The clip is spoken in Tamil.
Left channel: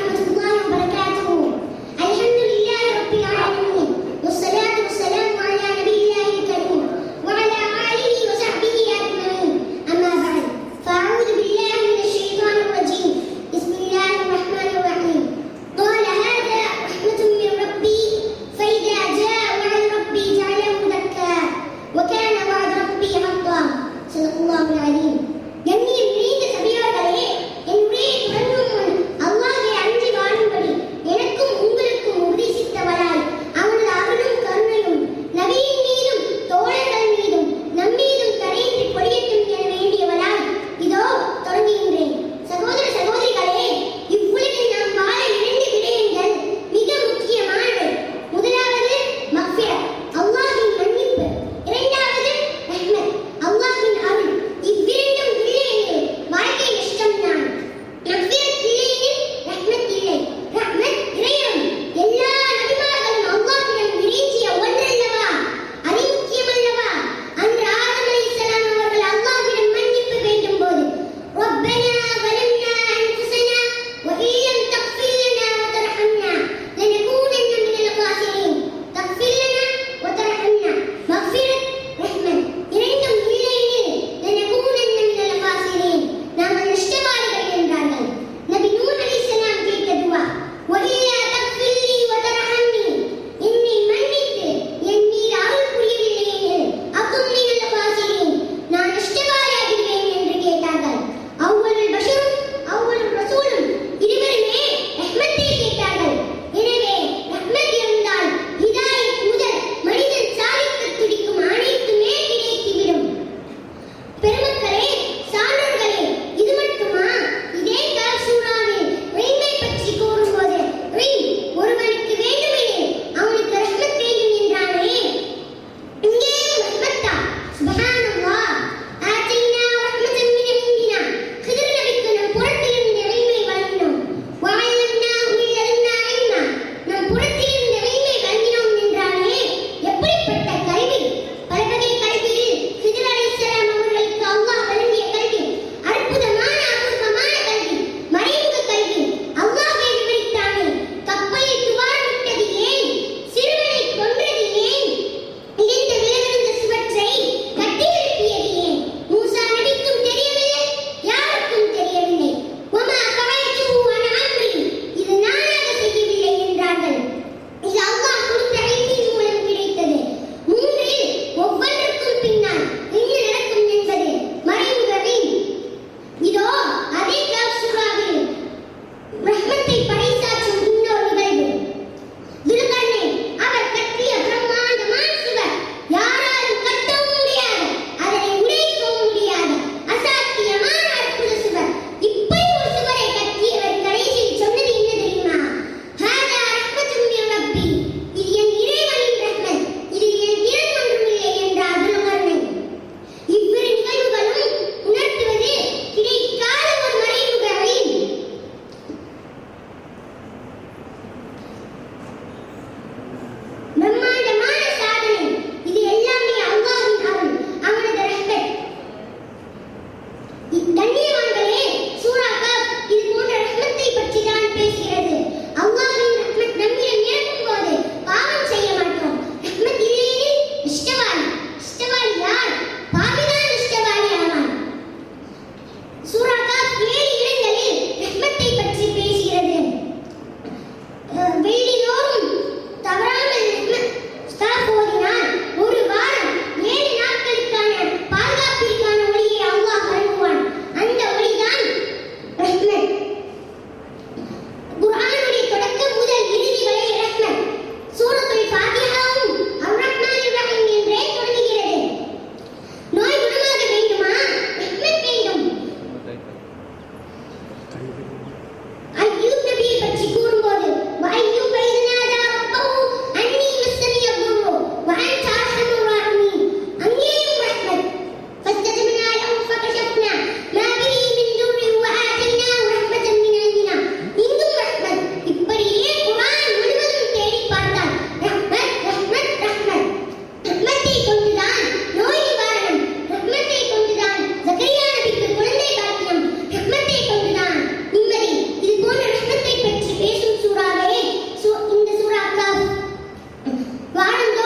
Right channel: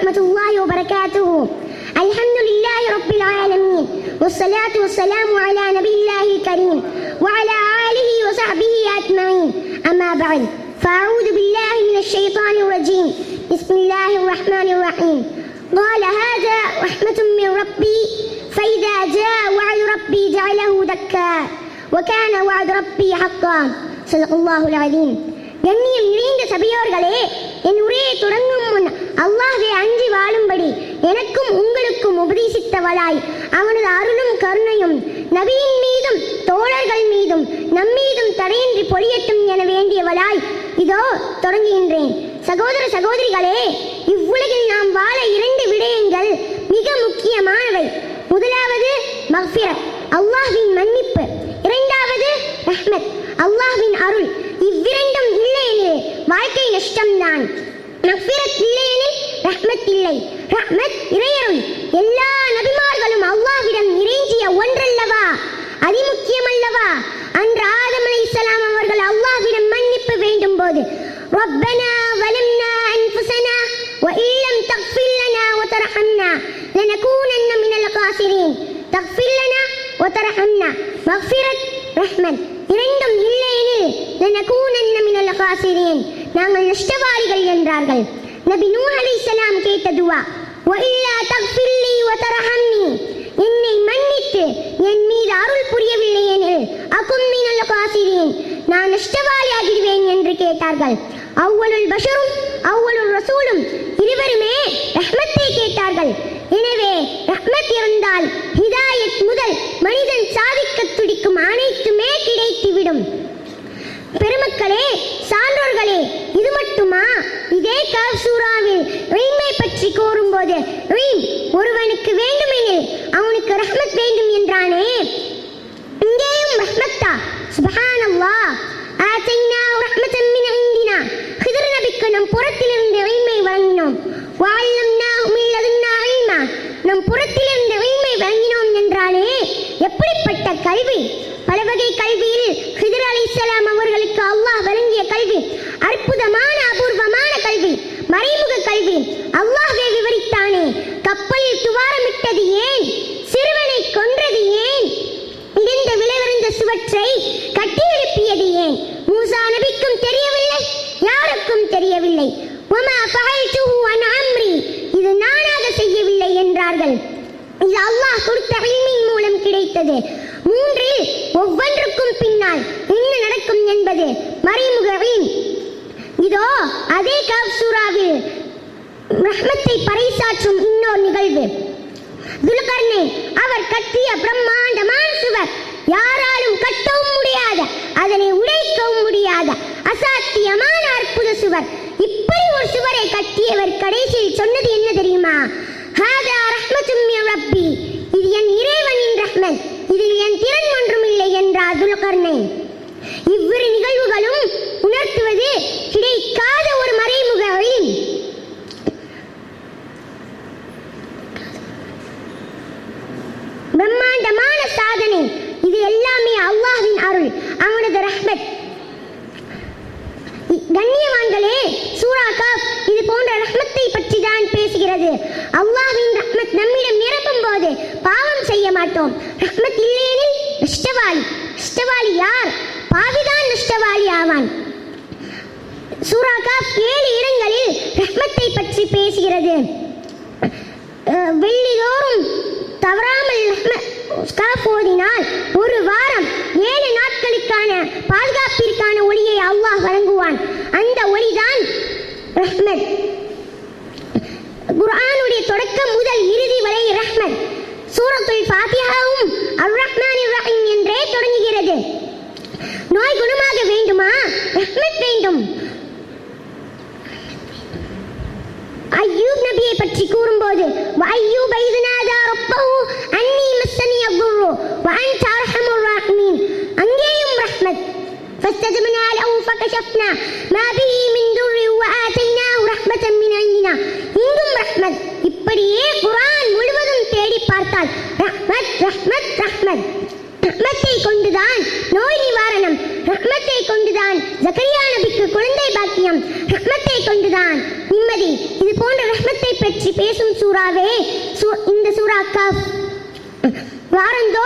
ورحمة الله وبركاته. الحمد لله رب العالمين، والصلاة والسلام على نبي الله الكريم وعلى آله وصحبه أجمعين. أما بعد، فأعوذ بالله من الشيطان الرجيم. بسم الله الرحمن الرحيم. قال هذا رحمة من ربي فإذا جاء وعد ربي جعله دكا وكان وعد ربي حقا. صدق الله العظيم. கண்ணியம் நிறைந்த சபையோர்களே, என் உரையை தொடங்கும் முன் அல்லாஹ்வை அஞ்சி வாழும்படி எனக்கும் உங்களுக்கும் உபதேசித்தவளாய் அவனது அருளும் கருணையும் நபியின் மீதும் தோழர்கள் மீதும் நம்மீதும் தடையின்றி பொழியட்டும் என வேண்டியவளாய் இதோ தொடங்குகின்றேன். சகோதர சகோதரிகளே, இவ்வுலகில் நாம் வாழ 2 விடயங்கள் மிக முக்கியமானவை. முதலாவது மக்ஃபிரத், அல்லாஹ்வின் மன்னிப்பு. இரண்டாவது ரஹ்மத், அல்லாஹ்வின் அருள். இவ்விரண்டும் இல்லையெனில் வாழ்க்கை நஷ்டம்தான். மக்ஃபிரத் இல்லையெனில் ரஹ்மத் இல்லை. ரஹ்மத் இறையரும். எல்லா நபிமார்களும் அல்லாஹ்விடம் இறைஞ்சிய ஒன்றல்லவா, அதிமுக்கியமல்லவா? அன்று ஆதம் அலைஹிஸ்ஸலாம் அவர்கள் அல்லாஹ்விடம் மன்னிப்பு வேண்டும் போது ரப்பனா வலம்னா அன்ஃபுஸனா وإن لم تغفر لنا وترحمنا لنكونن من الخاسرين. تغفر لنا وترحمنا. மக்ஃபிரத், ரஹ்மத் இரண்டும் இல்லையெனில் لنكونن من الخاسرين, நாங்கள் நஷ்டவாளிகள் என்றார்கள். நபி நூஹ் அலைஹிஸ்ஸலாம் கேட்ட துஆ, وإلا تغفر لي وترحمني, என்னை மன்னித்து என் மீது அருள் புரியவில்லை எனில் அகும் من الخاسرين, நான் நஷ்டவாளியாகிடுவேன் என்று கேட்டார்கள். அவ்வளுல் பஷரும் அவ்வளுல் ரசூலும் இருவருமே ரஹ்மத்தை கேட்டார்கள். எனவே ரஹ்மத் இருந்தால் ஹிதாயத் முதல் மனிதன் சாதிக்க துடிக்கும் அனைத்துமே கிடைத்துவிடும். பெருமக்களே, சான்றோர்களே, இது மட்டுமா? இதே கஹஃப் சூராவில் இல்மை பற்றி கூறும்போது ஒருவனுக்கு வேண்டுமெனில் அவனுக்கு ரஹ்மத் வேண்டும் என்றானே, இங்கேயும் ரஹ்மத்தா? சுப்ஹானல்லாஹ். ஆதைனாஹு ரஹ்மத்தன் மின் இந்தினா, ஹிதர் நபிக்கு நம் புறத்திலிருந்து இல்மை வழங்கினோம். வஅல்லம்னாஹு மின் லதுன்னா இல்மா, நம் புறத்திலிருந்து இல்மை வழங்கினோம் என்றானே, எப்படிப்பட்ட கல்வி! பலவகை கல்வியில் ஹிதர் அலைஹிஸ்ஸலாம் அவர்களுக்கு அல்லாஹ் வழங்கிய கல்வி அற்புதமான அபூர்வமான கல்வி, மறைமுக கல்வி. அல்லாஹ்வே விவரித்தானே, கப்பலில் துவாரமிட்டது ஏன்? சிறுவனை கொன்றது ஏன்? இடிந்த விளைவிருந்த சுவற்றை கட்டி எழுப்பியது ஏன்? மூசா நபிக்கும் தெரியவில்லை, யாருக்கும் தெரியவில்லை. வமா ஃபஅல்துஹு அன் அம்ரி, இது நானாக செய்யவில்லை என்றார்கள். இது அல்லாஹ் கொடுத்த இல்மின் மூலம் கிடைத்தது. மூன்றில் ஒவ்வொன்றுக்கும் பின்னால் என்ன நடக்கும் என்பது மறைமுக இல்ம். இதோ அதே கஹஃப் சூராவில் ரஹ்மத்தை பறைசாற்றும் இன்னொரு நிகழ்வு. துல்கர்னைன் அவர் கட்டிய பிரம்மாண்டமான சுவர், யாராலும் கட்டவும் முடியாத, அதனை உடைக்கவும் முடியாத அசாத்தியமான அற்புத சுவர். இப்படி ஒரு சுவரை கட்டியவர் கடைசியில் சொன்னது என்ன தெரியுமா? ஹாதா ரஹ்மத்தும் மின் ரப்பி, இது என் இறைவனின் ரஹ்மத், இதில் என் திறன் ஒன்றும் இல்லை என்றார் துல்கர்னைன். இவ்விரு நிகழ்வுகளும் உணர்த்துவது கிடைக்காத ஒரு மறைமுக இல்ம். பிரம்மாண்டமான சாதனை. இது எல்லாமே அல்லாஹ்வின் அருள், அவனது ரஹ்மத். கண்ணியவான்களே, சூரா கஹஃப் இது போன்ற ரஹ்மத்தை பற்றி தான் பேசுகிறது. அல்லாஹ்வின் ரஹ்மத் நம்மிடம் நிரம்பும் போது பாவம் செய்ய மாட்டோம். ரஹ்மத் இல்லையெனில் நஷ்டவாளி. நஷ்டவாளி யார்? பாவிதான் நஷ்டவாளி ஆவான். சூரா கஹஃப் 7 இடங்களில் ரஹ்மத்தை பற்றி பேசுகிறது. வெள்ளிதோறும் தவறாமல் கஹஃப் ஓதினால் ஒரு வாரம் 7 நாட்களுக்கான பாதுகாப்பிற்கான ஒளியை அல்லாஹ் வழங்குவான். அந்த ஒளிதான் ரஹ்மத். குர்ஆனுடைய தொடக்கம் முதல் இறுதி வரை ரஹ்மத். சூரத்துல் ஃபாத்திஹாவும் அர்-ரஹ்மானிர் ரஹீம் என்றே தொடங்குகிறது. நோய் குணமாக வேண்டுமா? ரஹ்மத் வேண்டும். அய்யூப் நபியை பற்றி கூறும்போது வஅய்யூப இذ நாதா ரப்பஹு அன்னி மஸ்ஸனிய ضر وأنت أرحم الراحمين, அங்கேயும் ரஹ்மத். فاستجبنا له فكشفنا ما به من ضر وآتيناه رحمة من عندنا, இங்கும் ரஹ்மத். இப்படியே குர்ஆன் முழுவதும் தேடி பார்த்தால் ரஹ்மத் ரஹ்மத் ரஹ்மத். ரஹ்மத்தை கொண்டுதான் நோய் நிவாரணம், ரஹ்மத்தை கொண்டுதான் ஜக்கரியா நபிக்கு குழந்தை பாக்கியம், ரஹ்மத்தை கொண்டுதான் நிம்மதி. இது போன்ற ரஹ்மத்தை பற்றி வாரந்தோறும்